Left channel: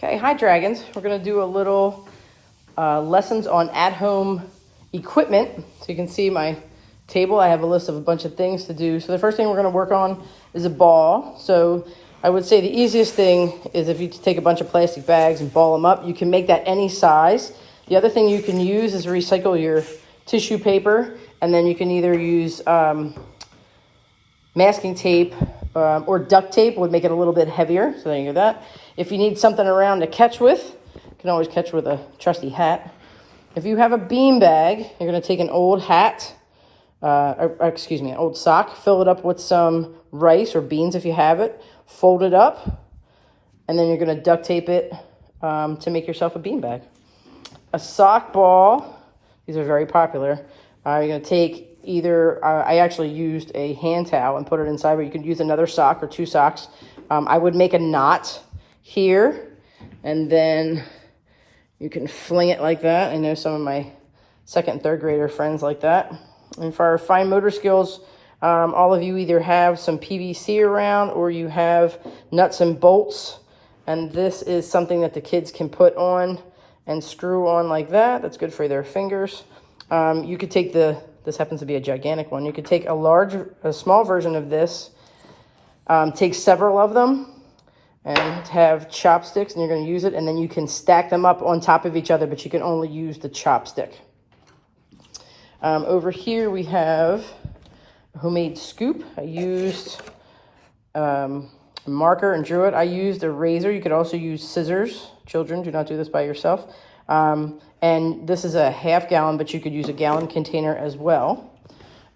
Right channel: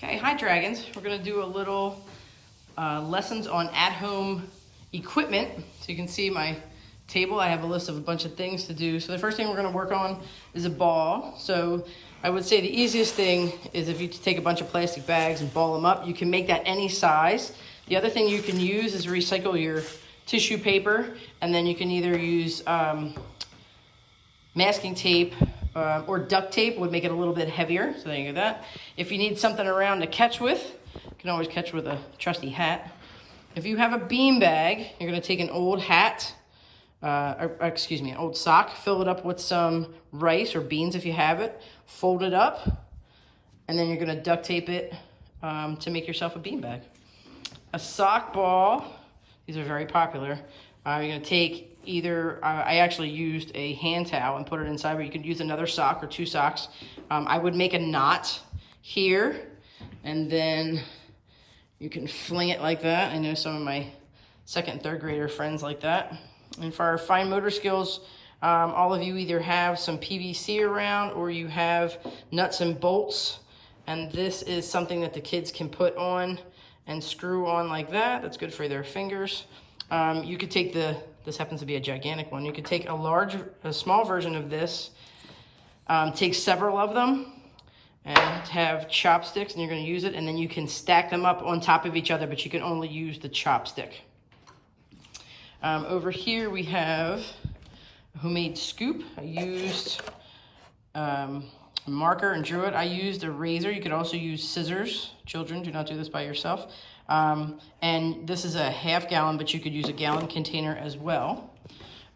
Okay, hi Dragons. We're gonna do a little lessons on at-home equipment. So you can see my table. I have a list of a bunch of things to do. So the first thing we're gonna work on is a ball. So I would say the easiest thing is if you take a bunch of plastic bags and ball them up. You can make that any size. The other thing you can use is recycle your tissue paper, and then you can either use masking tape or duct tape would make it a little bit heavier. So there you go that. If you need something around to catch with, you can always catch with a trusty hat. If you have a beanbag, you're gonna take an old hat, an old sock, fill it up with some rice or beans if you have it, fold it up, and then you're gonna duct tape it to make yourself a beanbag. A sock ball, these are very popular. You're gonna take either, I actually used a hand towel and put it inside, but you could use another sock or two socks. I would make a knot here, and then you can fling it like that. I know some of my second and third grader friends like that. And for our fine motor skills, all of you either have some PVC around or you have nuts and bolts. And this is something that the kids can put on and screw on like that. That's good for their fingers. You could take this happens to be a gigantic one. You could take a small version of this, take several of them and have chopsticks, and you're gonna use it, and then you can stack them up on top of each other, but you can only use the chopstick. Over here we have a homemade scoop. I used a marker and drew it. I used a razor. You could also use scissors. Children, do not do this by yourself. And this is a half gallon, but you could use a gallon container as well.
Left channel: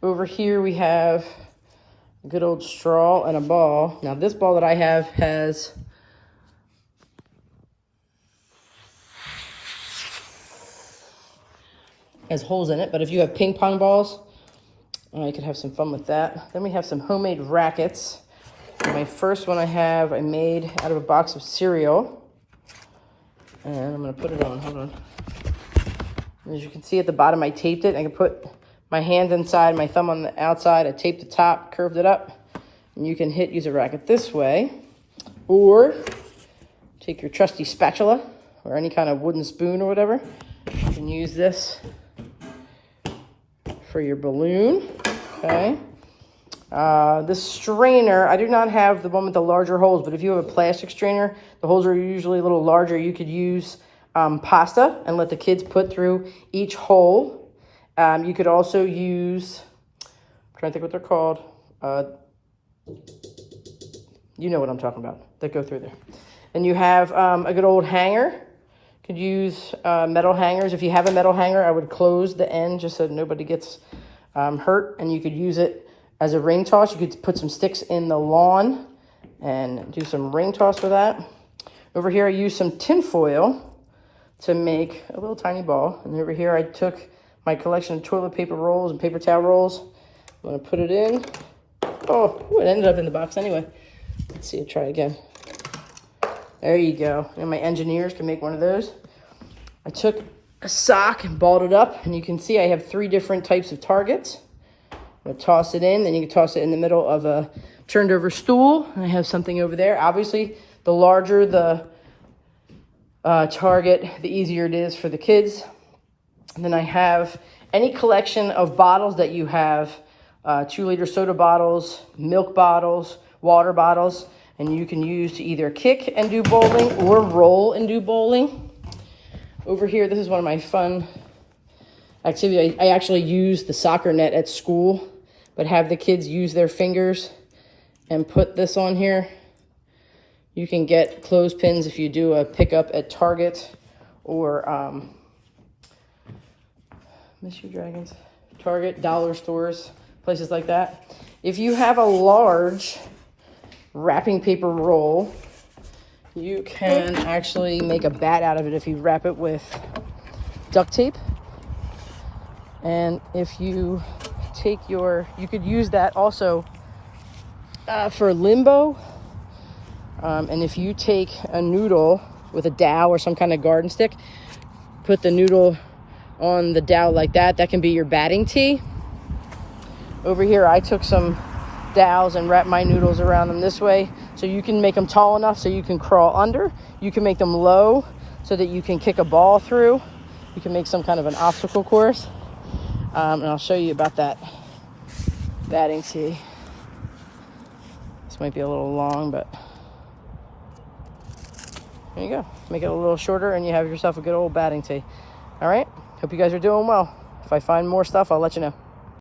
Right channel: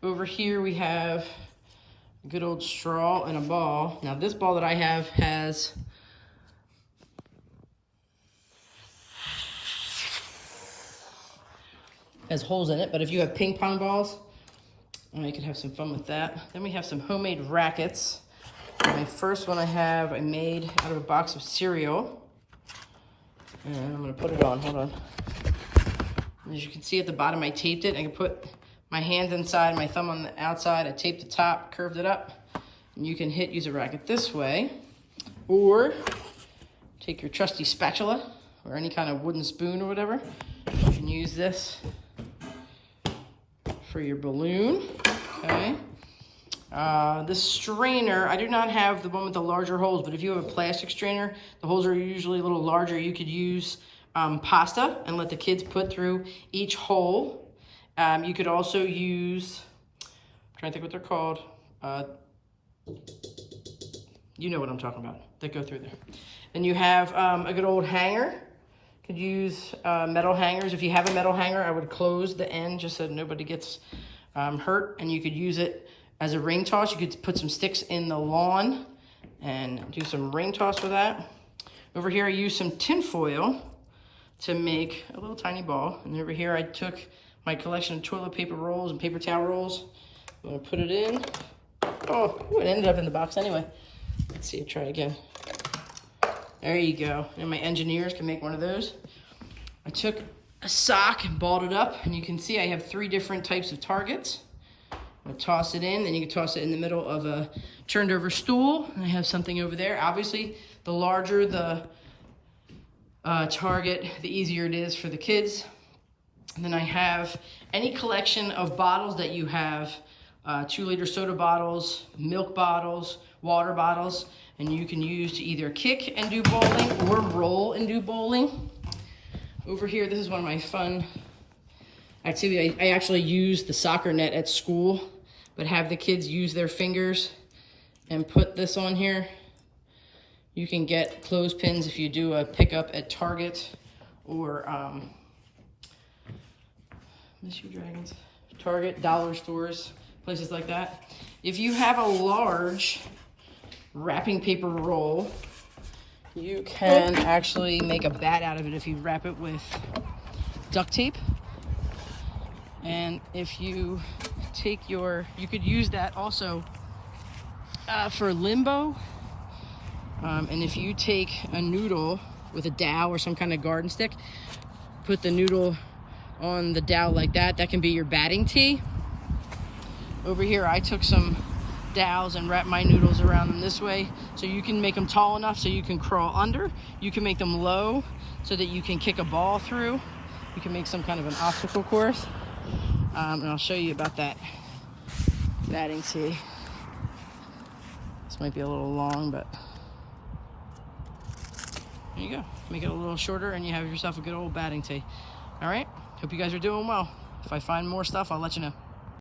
Over here we have a good old straw and a ball. Now this ball that I have has holes in it, but if you have ping pong balls, you can have some fun with that. Then we have some homemade rackets. My first one I made out of a box of cereal. And I'm gonna put it on, hold on. As you can see at the bottom, I taped it. I can put my hand inside, my thumb on the outside. I taped the top, curved it up. And you can use a racket this way. Or take your trusty spatula or any kind of wooden spoon or whatever. You can use this for your balloon, okay? This strainer, I do not have the one with the larger holes, but if you have a plastic strainer, the holes are usually a little larger. You could use pasta and let the kids put through each hole. You could also use, I'm trying to think what they're called. You know what I'm talking about, that go through there. And you have a good old hanger. Could use metal hangers. If you have a metal hanger, I would close the end just so nobody gets hurt. And you could use it as a ring toss. You could put some sticks in the lawn and do some ring toss with that. Over here, I used some tin foil to make a little tiny ball. And over here, I took my collection of toilet paper rolls and paper towel rolls. I'm gonna put it in. Oh, it ended up in the box anyway. Let's see, try again. There you go. And my engineers can make one of those. I took a sock and balled it up, and you can see I have 3 different types of targets. I'm gonna toss it in, then you can toss it in the middle of a turned over stool. And I have something over there. Obviously, the larger the target, the easier it is for the kids. And then I have any collection of bottles that you have, 2-liter soda bottles, milk bottles, water bottles, and you can use to either kick and do bowling or roll and do bowling. Over here, this is one of my fun activities. I actually use the soccer net at school, but have the kids use their fingers and put this on here. You can get clothespins if you do a pickup at Target or Miss you Dragons, Target, dollar stores, places like that. If you have a large wrapping paper roll, you can actually make a bat out of it if you wrap it with duct tape. And if you take you could use that also for limbo. And if you take a noodle with a dowel or some kind of garden stick, put the noodle on the dowel like that, that can be your batting tee. Over here, I took some dowels and wrap my noodles around them this way. So you can make them tall enough so you can crawl under. You can make them low so that you can kick a ball through. You can make some kind of an obstacle course. And I'll show you about that batting tee. This might be a little long, but there you go. Make it a little shorter and you have yourself a good old batting tee. All right, hope you guys are doing well. If I find more stuff, I'll let you know.